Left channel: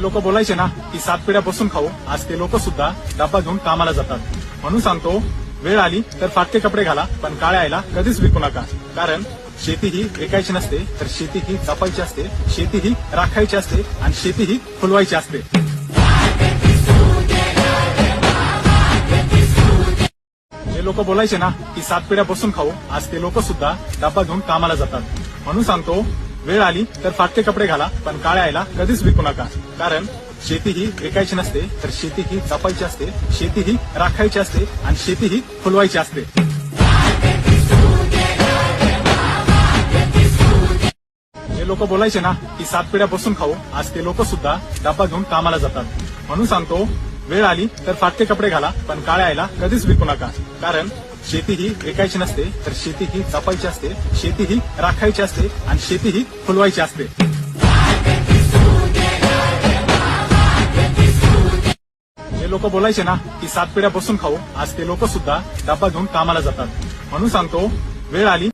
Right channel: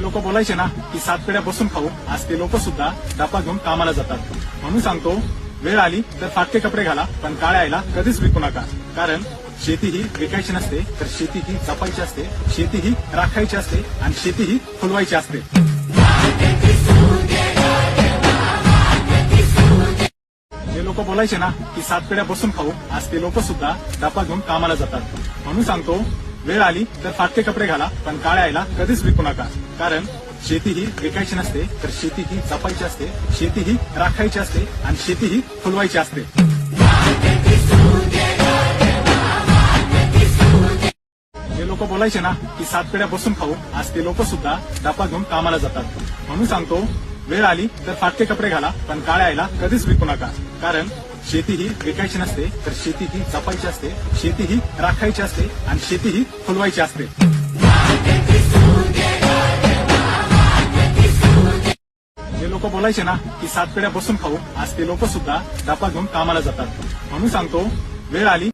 ते लोक बोलायचे ना की 7 पिढ्या बसून खाऊ, आज ते लोक सुद्धा डब्बा घेऊन कामाला जातात. म्हणून सांगतो, वेळ आली तर फाटके कपडे घाला, पण काळ्या आईला कधीच विकू नका. कारण शेती ही विकायची नसते, तर शेती ही जपायची असते, शेती ही राखायची असते आणि शेती ही फुलवायची असते. ते लोक बोलायचे ना की 7 पिढ्या बसून खाऊ, आज ते लोक सुद्धा डब्बा घेऊन कामाला जातात. म्हणून सांगतो, वेळ आली तर फाटके कपडे घाला, पण काळ्या आईला कधीच विकू नका. कारण शेती ही विकायची नसते, तर शेती ही जपायची असते, शेती ही राखायची असते आणि शेती ही फुलवायची असते. ते लोक बोलायचे ना की 7 पिढ्या बसून खाऊ, आज ते लोक सुद्धा डब्बा घेऊन कामाला जातात. म्हणून सांगतो, वेळ आली तर फाटके कपडे घाला, पण काळ्या आईला कधीच विकू नका. कारण शेती ही विकायची नसते, तर शेती ही जपायची असते, शेती ही राखायची असते आणि शेती ही फुलवायची असते. ते लोक बोलायचे ना की 7 पिढ्या बसून खाऊ, आज ते लोक सुद्धा डब्बा घेऊन कामाला जातात. म्हणून सांगतो, वेळ आली